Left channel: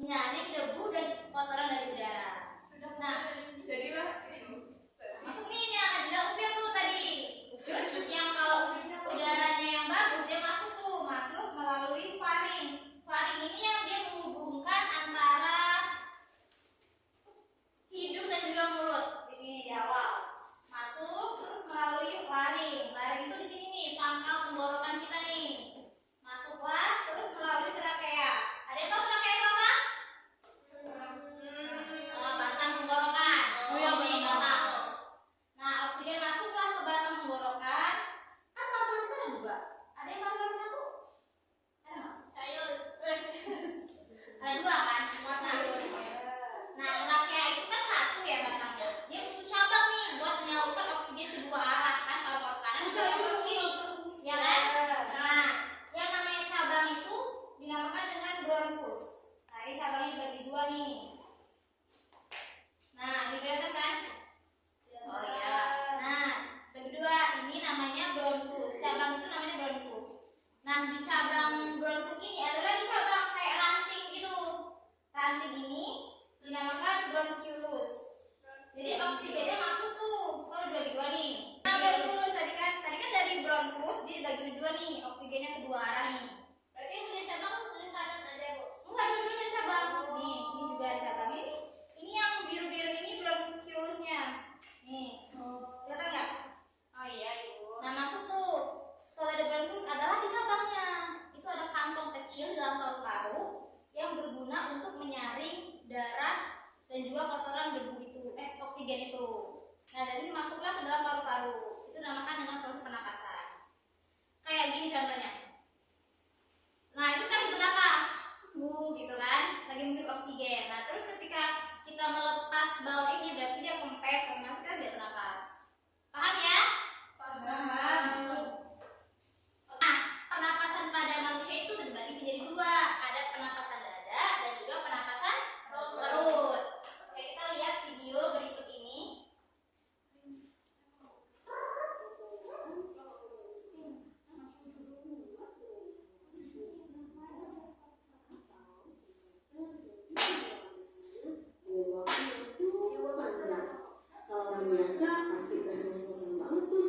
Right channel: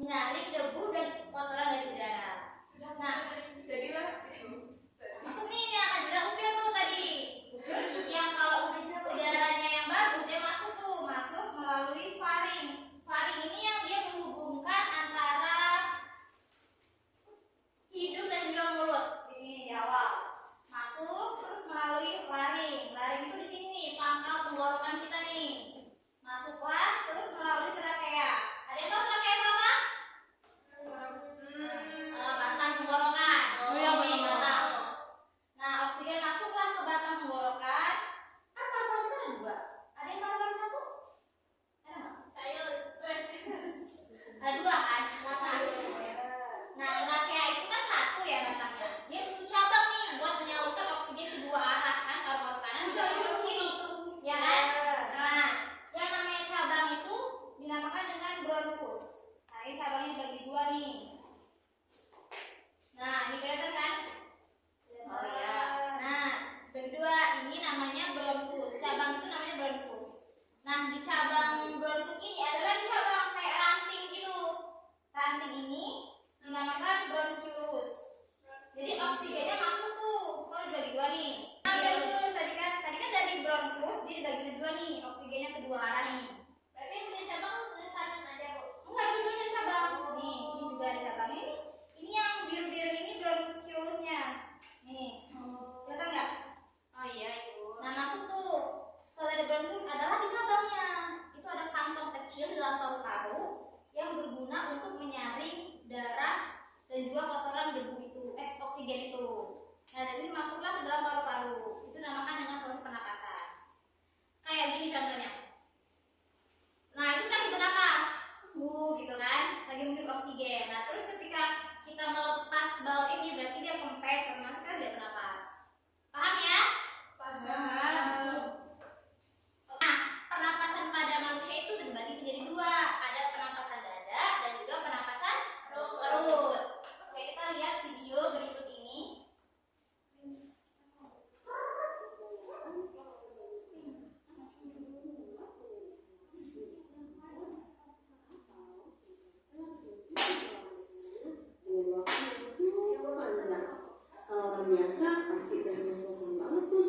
menyaring debu dan kotoran dari udara. Nah, jadilah masuk nih ini akan jadi upil tuh tadi. Terus yang kalau udaranya yang bagus dia masuk melalui faring. Faring ini yang dia menghubungkan antara hidung dan juga mulut. Di sini di awal masuk terus melalui laring. Laring itu di sini nih pangkal tenggorokan kita nih. Masuklah terus melalui trakea. Ada yang tahu trakea itu apa? Batang tenggorokan. Ini batang. Nah, oksigen masuklah ke batang tenggorokan. Kan paru-paru kita ada dua. Ada yang paru-paru satu? Ada nggak? Ada dua kan? Nah, trakea itu kan satu ya batangnya. Dia butuh cabang nih buat menyalurkan oksigen ke dua arah kan, paru-paru kanan dan paru-paru kiri. Ya kan? Nah, yang namanya cabang itu dinamakan dengan bronkus. Nah, ini cabangnya dibagi dua nih. Nah, ini kelihatan kan? Oh iya. Nah, bagi dua ini namanya bronkus. Cabang itu namanya bronkus. Nah, di cabang bronkus ini ada lagi cabang kayak ranting gitu. Ranting ini dinamakan bronchiolus. Jadi oksigennya masuk tuh. Oh, dibagi dua nih. Nah, bronchiolus tadi kan dari bronkus dia dibagi dua nih. Oksigennya kedua arah nih. Berarti yang punya cabang dari kanan aja, Bu. Enggak, dua-duanya ada cabang. Nih, ini juga ada cabang ini. Ini yang biru-biru ini bronchiolusnya. Nih. Kelihatan enggak? Oh iya, Ibu. Nah, masuk tuh. Setelah ada bronchus ada lagi cabangnya. Itu ada kantong kecil di dalam paru-paru yang berguna untuk menyaring darah dan juga kotoran debu itu, oksigen itu. Nah, dan ini masuklah ke dalam paru-paru. Itu dinamakan dengan proses pernapasan. Kayak gini contohnya. Nah, itu kan bernapas, gitu kan, lagi menghirup oksigen. Nah, terus ketika kita melepas bal ini berarti dia kempes, otomatis kan dia bernapas. Paham ya? Paham. Nah, pernapasan pada manusia itu terbagi menjadi dua. Ada pernapasan dada dan juga pernapasan perut. Oke, kita lihat video berikut ini. Biasa pasti udah ngos-ngosan banget tuh.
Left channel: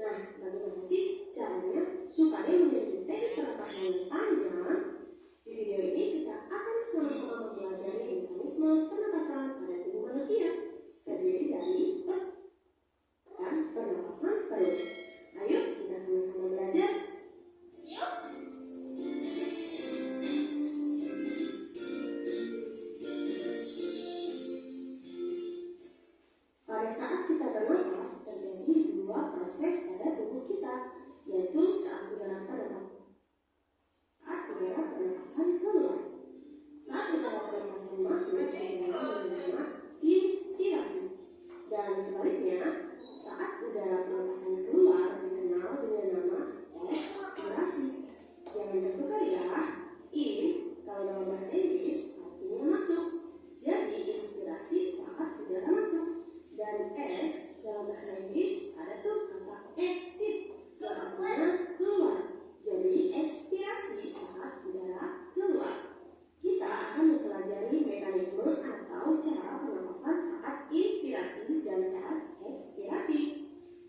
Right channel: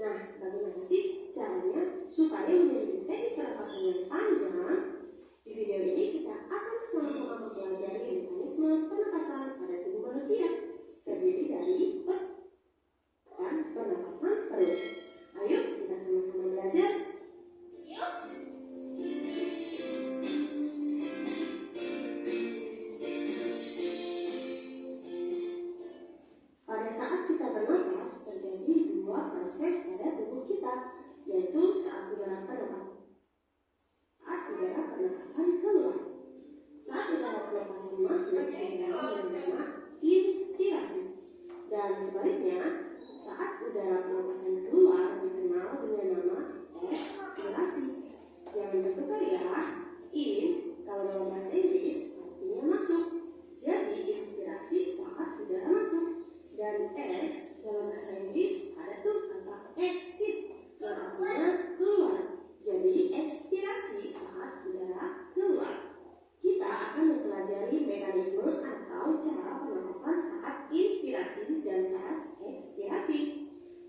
Nah, bagaimana sih caranya supaya mendeteksi pernapasan yang panjang? Di video ini kita akan sama-sama mempelajari mekanisme pernapasan pada tubuh manusia, terdiri dari dan pernapasan perut. Ayo kita sama-sama belajar. Yuk. Pada saat kita bernapas, terjadi dua proses pada tubuh kita, yaitu saat udara pernapasan keluar. Saat udara pernapasan masuk, kita menerima inspirasi. Dan sebaliknya, saat udara pernapasan keluar dikenal dengan nama ekspirasi. Jangan tertukar ya, in kalau dalam bahasa Inggris artinya masuk. Jadi inspirasi saat udara masuk. Dan X dalam bahasa Inggris ada tuh kata exit yang artinya keluar. Jadi ekspirasi saat udara keluar. Kita akan mempelajari mekanisme atau cara pernapasan saat inspirasi dan saat ekspirasi.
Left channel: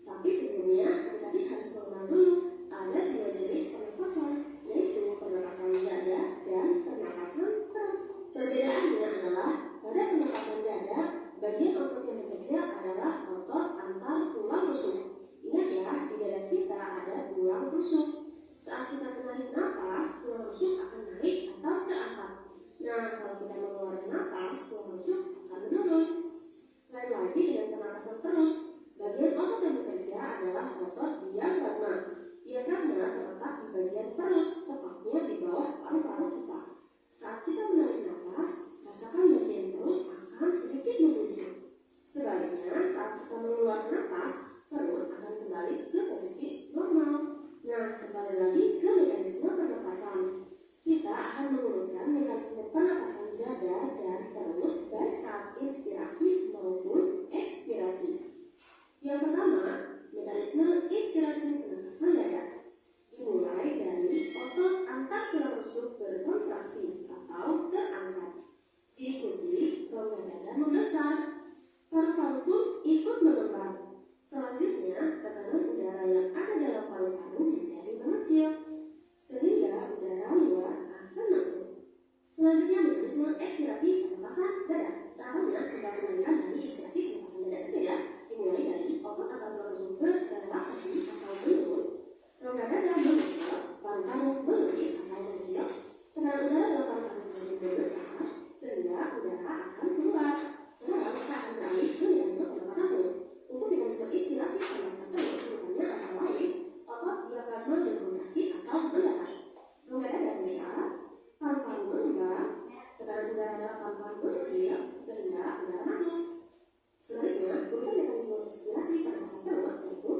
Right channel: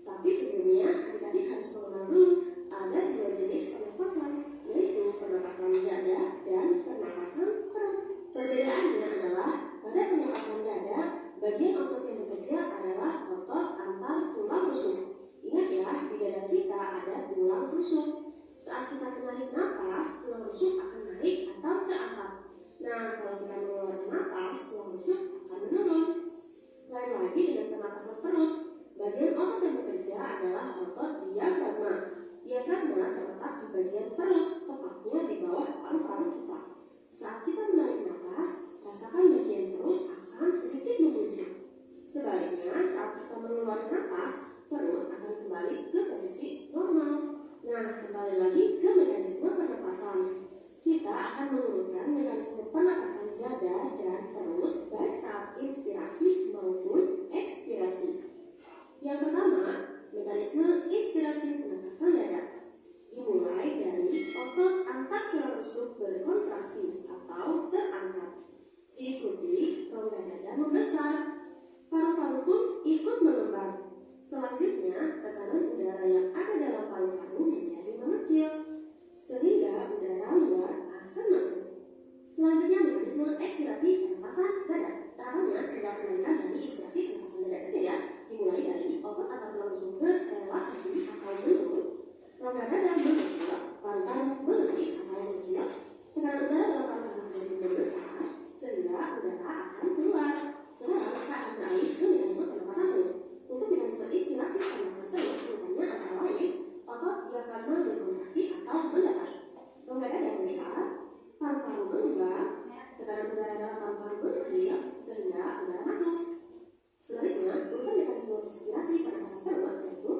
Tapi sebelumnya adik-adik harus mengenal dulu ada dua jenis pernapasan, yaitu pernapasan dada dan pernapasan perut. Perbedaannya adalah pada pernapasan dada bagian otot yang bekerja adalah otot antar tulang rusuk. Ingat ya, di dada kita ada tulang rusuk. Saat kita menarik napas, tulang rusuk akan naik atau terangkat. Nah, kalau kita mengeluarkan napas, tulang rusuk akan menurun. Lain lagi dengan pernapasan perut. Bagian otot yang bekerja adalah otot diafragma. Diafragma terletak di bagian perut, tepatnya di bawah paru-paru kita. Saat kita menarik napas, rasakan bagian perut akan sedikit membuncit. Sebaliknya, saat kita mengeluarkan napas, perut akan kembali ke posisi normal. Nah, kembali lagi ke mekanisme pernapasan. Kita akan mengurutkan mekanisme pernapasan dada dan perut baik saat inspirasi maupun ekspirasi. Yang pertama, mekanisme inspirasi pernapasan dada. Dimulai dari otot antar tulang rusuk berkontraksi atau terangkat. mekanisme ekspirasi pernapasan dada. Tahapannya tidak mengalihkan dari inspirasi pernapasan dada saja ya. Dimulai dari otot atau tulang rusuk berrelaksasi atau menurun, rongga dada mengecil, paru-paru menipis atau mengecil, tekanan udara dalam paru-paru menjadi membesar sehingga udara akan keluar. Sekarang kita akan beralih ke mekanisme pernapasan perut. Untuk mekanisme inspirasi pernapasan perut, urutannya antara lain otot diafragma berkontraksi atau mendatar, rongga dada besar, paru-paru melebar, tekanan udara dalam paru-paru mengecil sehingga udara masuk. Sebaliknya, urutan mekanisme inspirasi pernapasan perut yaitu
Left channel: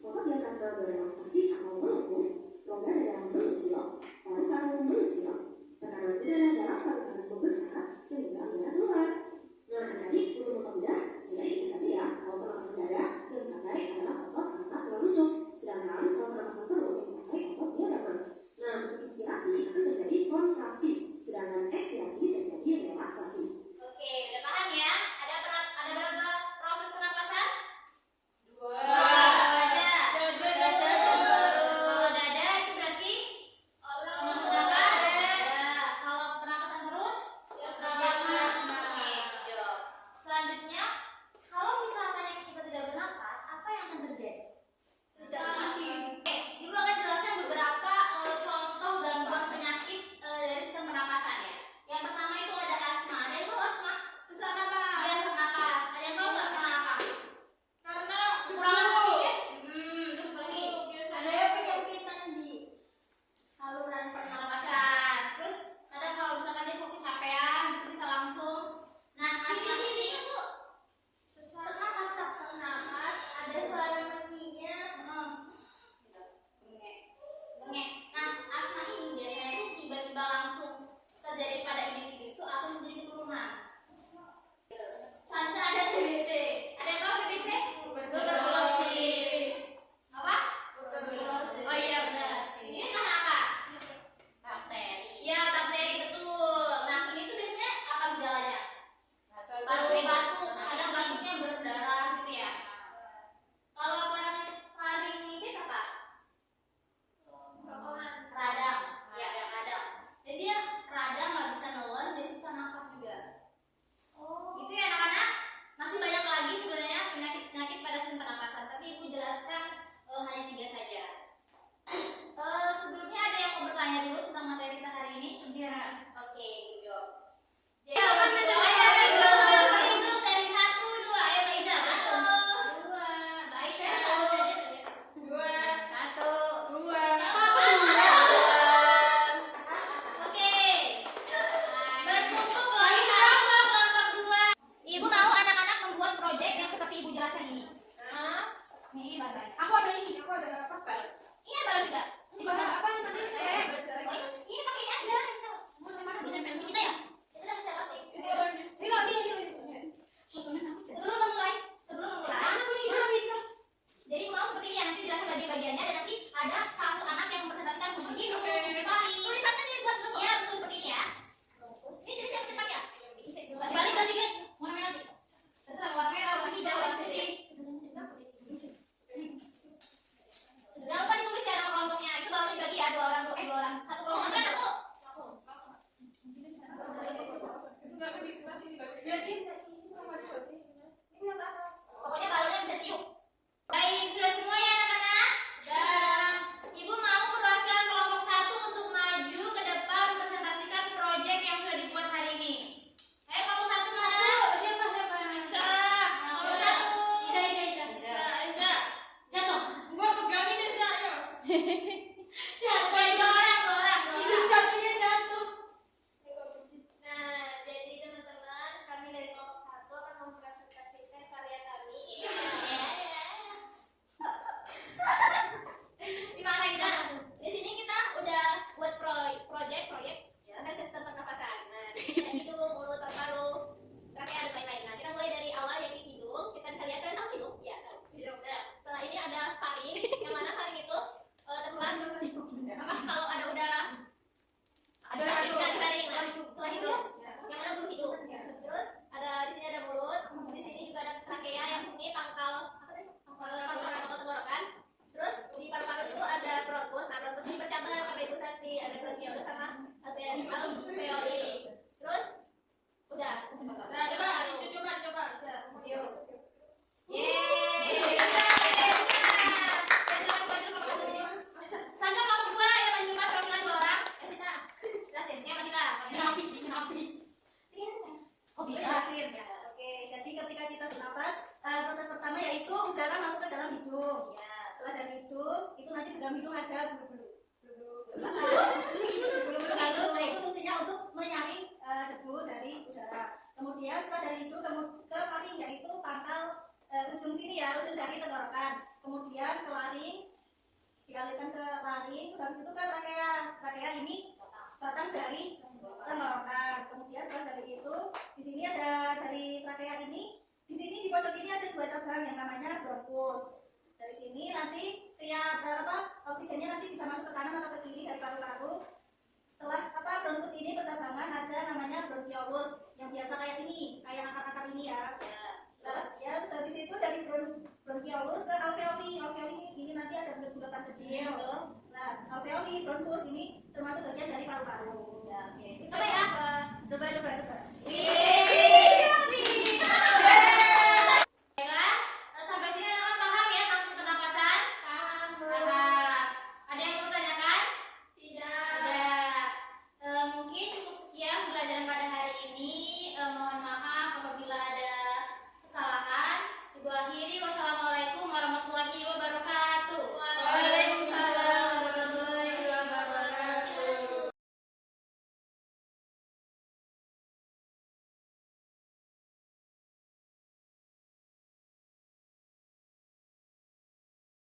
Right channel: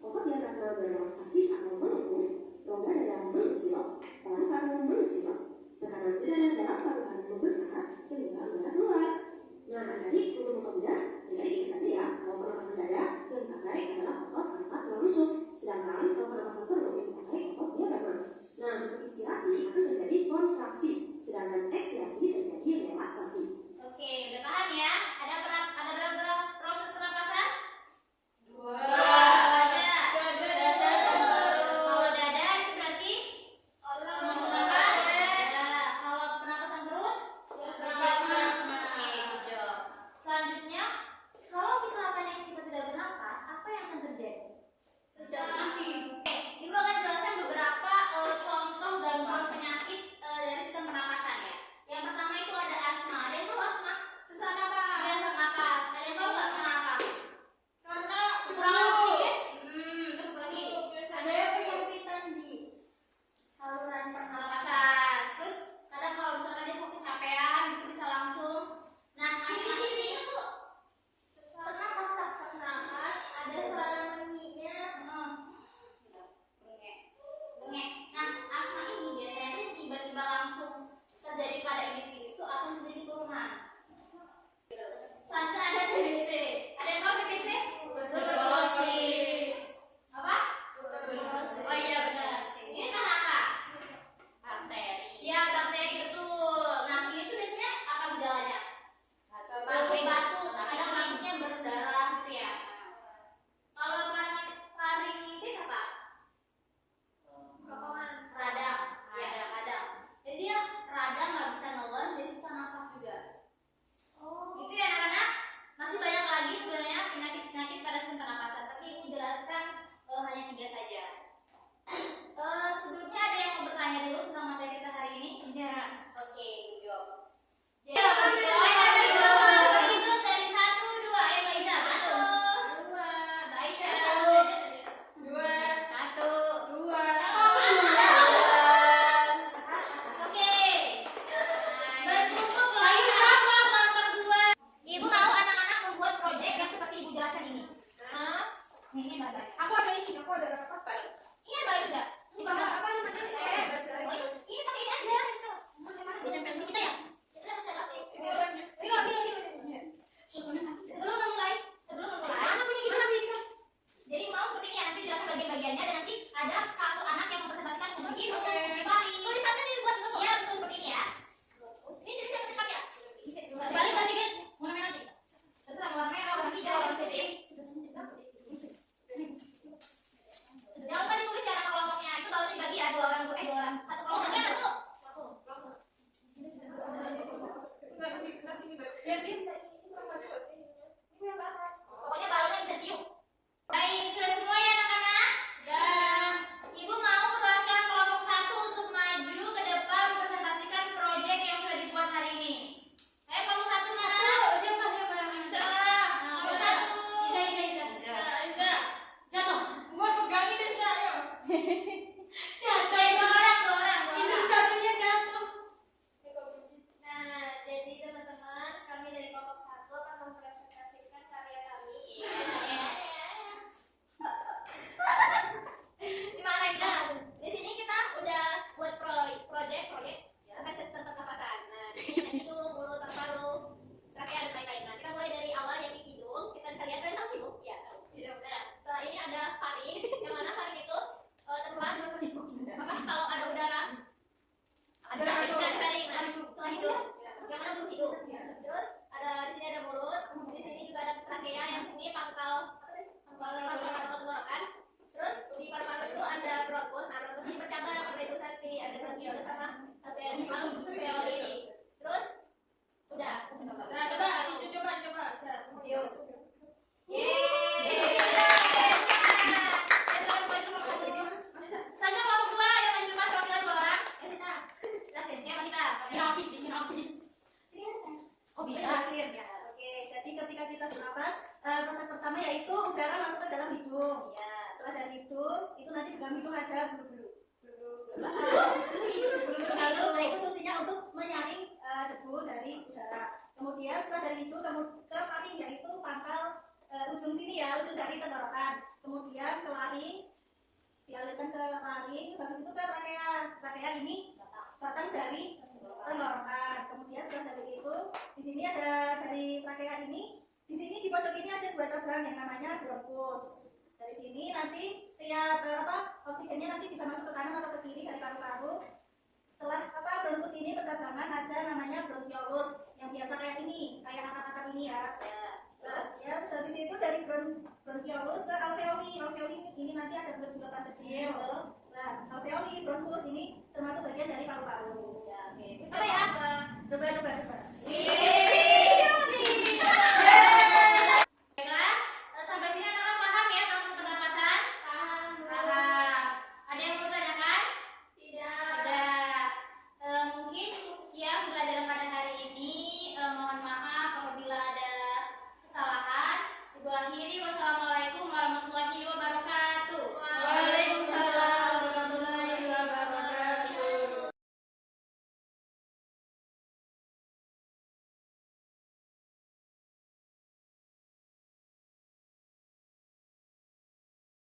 otot diafragma berrelaksasi atau melengkung, rongga dada mengecil, paru-paru mengecil, tekanan udara dalam paru-paru membesar sehingga udara keluar. Nah, tadi untuk mempermudah, tidak ini saja ya. Kalau pernapasan dada yang dipakai adalah otot angkat tulang rusuk, sedangkan kalau pernapasan perut yang dipakai otot diafragma. Nah, untuk inspirasi akan terjadi kontraksi, sedangkan ekspirasi terjadi relaksasi. Oke, udah paham ya? Ada berapa proses pernapasan? Dua aja. Kalau dada itu berarti menghembuskan nafas. Kalau pernapasan perut, diafragma. Oke, good job. Selanjutnya, kalau misalkan yang kita tidak bernapas, apa yang akan terjadi? Ibu akan jelaskan beberapa contoh gangguan penyakit dari sistem pernapasan ya. Yang pertama itu ada asma. Ada yang tahu asma? Sesak napas. Iya, sesak napas. Ada yang tahu nggak kenapa? Karena kurang oksigen. Terus apa lagi? Ada yang kesulitan di saluran pernapasan. Terus kadang kalau misalkan dia sakit capean, itu bisa langsung. Nah, asma ini itu sesak napas, ada suara menyinya. Bengek. Nah, asma ini biasanya itu tiba-tiba langsung terjadi pada individu itu akan menjadi turunan. Selanjutnya ada TBC. Ada yang tahu TBC? Tuberkulosis. Apa? Tuberkulosis. Oh iya benar. Ini karena apa? Bakteri. Ya, bakteri betul. Nah, ini tuh biasanya apa gejalanya? Batuk-batuk. Kadang batuknya berdarah gitu ya. Kalau apa namanya? Faringitis apa? Radang. Ya, radang. Jadi dia radang nggak bisa nelen, jadi susah nafas juga. Gitu ya anak-anak. Masih banyak lagi sebenarnya penyakit-penyakit pada sistem pernapasan, tapi ibu jelaskan hanya 3 saja. Sebelumnya ada yang mau bertanya dulu tentang materi kita hari ini? Iya. Oke, good job. Jadi ayo berhitung dari 1, 2. Ayo Mbak Iza, berhitung. 2. Mbak Aisyah. 2. 1. 2. Oke. Berkumpul kelompok 2. Ibu mau anak-anak membuat proyek yang seperti ibu jelaskan ini. Ini bapak. Aku ada kapal. Ini baru juga. Ini apa namanya? Oh, ini pakai ini aja. Ini kita ya. Kita dapat siapa tuh? Sebelum memulai. Jadi mau seperti ini ya, nanti jelaskan bagian-bagiannya dan nanti ada satu anak yang mempresentasikan musik kembali. Tulisannya dibuat dulu. Iya betul seperti ini ya. Ini di siap cepat ya. Balik lagi guys. Warna merah nanti. Terserah warna merah, warna hijau, warna putih. Jangan lupa ditulis ya nama kelompoknya. Itu baru dibagi ya 2 orang. 2 orang. Satu kelompoknya satu. Pokoknya barunya bisa tiup. Baik, sudah semua ya anak-anak? Dan ibu mau perwakilan kelompok 1 untuk maju ke depan mempresentasikan proyek yang sudah dibuat hari ini. Ayo kelompok 1 mana? Siapa? Kelompok 1. Jatuh. Gua pegangin deh sih, ayo. Oke, 2 orang. Kakinya jatuh. Nah, jadi teman-teman, kami dari kelompok 1 akan mempresentasikan karya kami. Di mana kita? Di sini kita udah buat proyek tentang sistem pernapasan. Nah, di sini hidung, mulut, paru-paru, trachea dan lain-lain. Nah, kita mulai dari awal yang di hidung. Kita bisa lihat kalian tahu hidung? Ya, tahu. Nah, setelah ini ada faring. Yang mana faring itu tempat apa kalau ada udara ada faring. Nah, setelah hidung yang mana bulu hidung. Terus ada di sini ada mulut. Di sini juga ada trachea yang ini pangkal apa tadi? Pangkal tenggorokan. Terus di paru-paru itu ada bronkus. Nah, bronkus ini bercabang, ada ibu sati, ada bronkiolus sama alveoli. Terus api. Oh Bisa. bisa. Ya. Oke, jadi ketika kita bernafas, proses pertama yaitu udara masuk ke dalam hidung. Ya. Setelah dari hidung, itu nanti di dalam hidung ada bulu-bulu. Bulu-bulu Lalu itu. itu fungsinya untuk menyaring debu dari udara. Kemudian setelah dari hidung ke faring, yaitu pangkal ujung sini ya, ujung dari tenggorokan. Kemudian ke laring, dialirkan ke laring. Terus habis itu ke trachea. Trachea ini batang dari tenggorokan. Kemudian setelah dari itu, di sini ada dari trachea ini. Di sini di pojok ini ada 2 cabang yang namanya bronkus. Dari sini nanti setiap oksigennya nanti bisa masuk ke kanan atau ke kiri dari paru-paru. Setelah bronkus ini bercabangan ada namanya bronkiolus yang biasa kayak ini, kayak akar-akar ini ya. Nah, ya terus habis itu dari bronkiolus ke alveoli. Alveoli ini nanti ada bulat-bulatan kecil. Nah, alveoli bronkus ini termasuk bagian dari paru-paru. Ya, oke. Apa ya?